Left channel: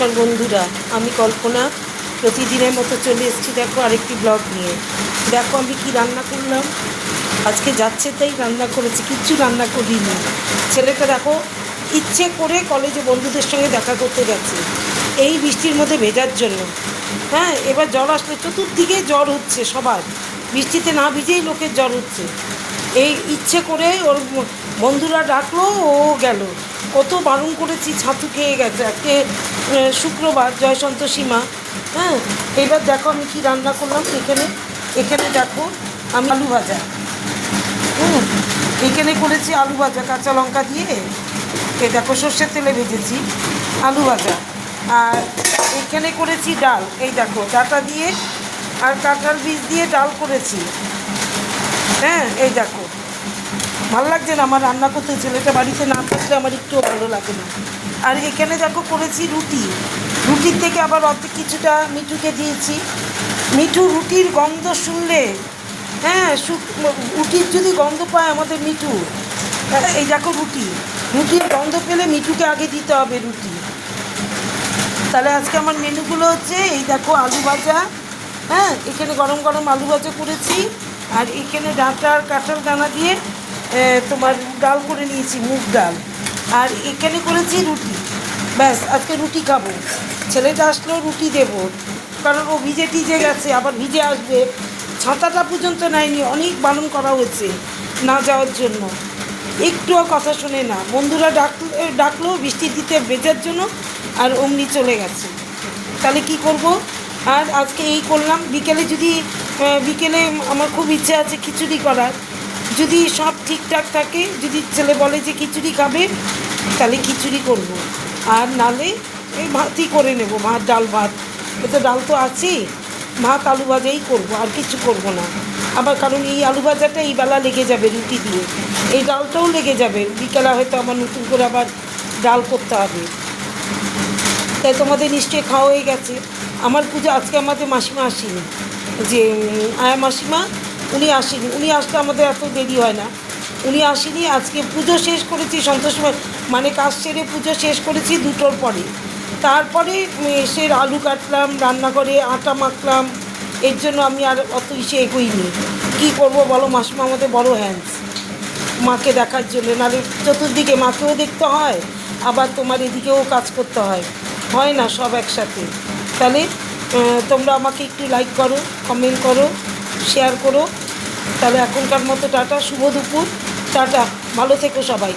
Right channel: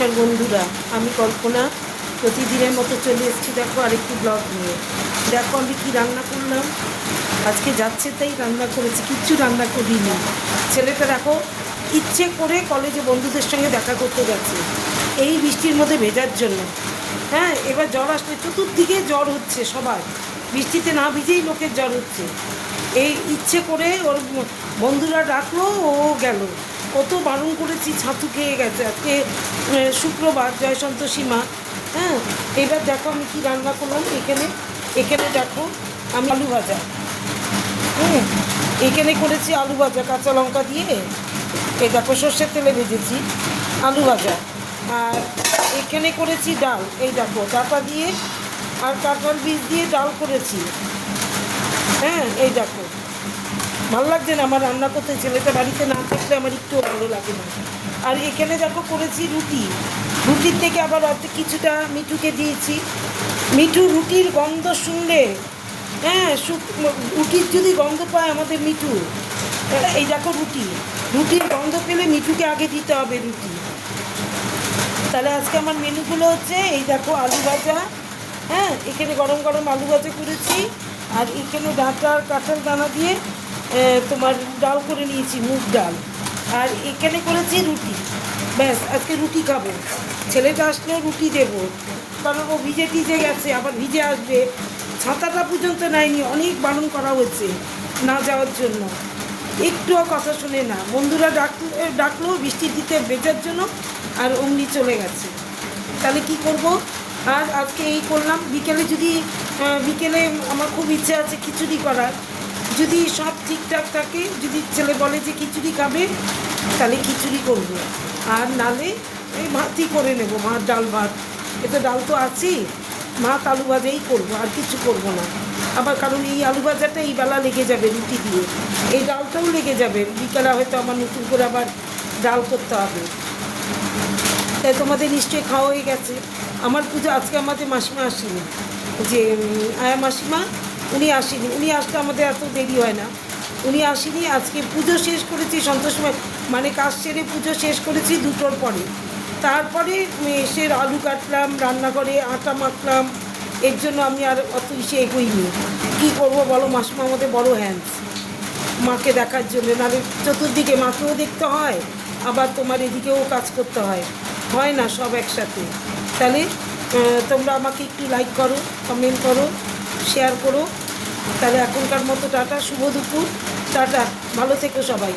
নমস্কার বন্ধুরা, আমি কল্পনা প্রতিদিনের মতো চলে এসেছি। দেখো আরেকটি ব্লগ নিয়ে। দেখো আমি কি রান্না করলাম। আজকে যাচ্ছে তাই রান্না করেছি, কিচ্ছু রান্না করি না। ছেলেটা দেখো ইচ্ছে করে কলেজে বন্ধুদের সঙ্গে দেখা করতে গেছে এই বৃষ্টির মধ্যে ভেজার জন্য। হ্যাঁ, এবার জ্বর আসলে চতুর্দিকে জ্বর হচ্ছে সবার, বৃষ্টিতে না ভিজেই লোকের জ্বর হচ্ছে। এই ইচ্ছে করে ওর বন্ধুরা ডাকলো, ও গেল। কত বারণ করেছি, ছাতু খেয়ে গেছে। আজকে শুক্রবার, জয় সন্তোষী মা। হ্যাঁ, এবার দেখো আমি কী রান্না করলাম। এখানে এখানে দেখো আমি আলু ভাজা, এখানে করেছি আলু ভাজা কাঁচা লঙ্কা দিয়ে। এই দেখো সর্ষের তেলে ভেজেছি আলু ভাজা। আর এখানে করেছি ডাল, এই দেখো ডাটা দিয়ে আর কাঁঠাল বীজ দিয়ে ডাল করেছি। হ্যাঁ, এই দেখো ভালো লাগছে না আমার রান্না করতে, ছেলেটা বাড়িতে না থাকলে আমার একটুও ভালো লাগে না। আর এখানে দেখো করেছি রুটি, রুটির থেকে আবার অর্ধেক কিছুটা মিঠুকে দিয়েছি। মিঠু রুটির গন্ধ শুনলে, হ্যাঁ রুটির যদি গন্ধ পায় আমাদের মিঠু, এই দেখো রুটির গন্ধ পেলে মিঠুকে আগে দিতে হবে রুটি। তাহলে আজকে আমার মেনুগুলো হচ্ছে এই দেখো আলু ভাজা, হ্যাঁ এখানে গরম গরম আলু ভাজা করেছি। আর এখানে ডাঁটা আর কাঁঠাল দানা দিয়ে তোমার ডাল করে নিয়েছি, মুগ ডাল। আর এখানে করেছি রুটি। ব্যাস, আজকে রুটি খাবো। ছেলেটা আসলেও রুটি দেবো, কারণ ও ভিজে টিজে গেছে, আবার ভিজে আসবে। ছাতাটা পর্যন্ত নেয়নি, অনেক বারণ করা হয়েছে না যাওয়ার জন্য, একটুও কথা শুনে না। বন্ধুরা ডাকলো বৃষ্টির দিতে ভেজার জন্য, আর অমনি চলে গেছে। তাহলে কি করব? আর আজকে এই করলাম। বিকেলে আমার খুব ইচ্ছে আছে খিচুড়ি করার। যদি সব ঠিকঠাক থাকে, যদি ছেলে বলে যে খিচুড়ি খাবে, তাহলে খিচুড়ি করব। আর নালে এই ভাতই করে নেব, ভাত ডাল ভাত। এতে ডাল তো আছেই, ভাত আলু ভাজাই করবো, আর কিছু করব না। আবার কারণ এই আলু ভাজাটা এই বেলা লেগে যাবে রুটি দিয়ে, এই ডালটাও লেগে যাবে। বিকেলে হয়তো আমার নতুন করে আবার ডাল করতে হবে। তাই তোমাদের নিশ্চয়ই খাওয়া হয়ে গেছে। আমার পুজো আজকে আমাদের মাসিমা আসেনি, যে আয়া মাসিমা, উনি আসেনি। উনি আসলে আমাদের এত দেরি হয় না, উনি আসেনি। আজকে পুজো শেষ করেছি সন্তোষ, মানে কাজ সেরে পুজো শেষ করেছি 2টোর পরে। তারপরে এসে আলু কাটলাম, রান্নাঘরে আটা মাখলাম। এর জন্য আমি আর অত ইসে এগোইনি। কী করবো বলো, মাসিমা আমাদের বড় হ্যান্ডস মাকে দেখার জন্য। নাহলে চতুর্দিকে মাকেও দেখতে হয়, আবার তোমার এদিকেও কাজ করতে হয় না সব একসাথে। তাহলে তোমরা আমাকে একটু লাইক করো, কমেন্ট করো, শেয়ার করো। তাহলে এখনকার মতো টাটা, শুভ দুপুর, টাটা, ভালো থেকো সবাই।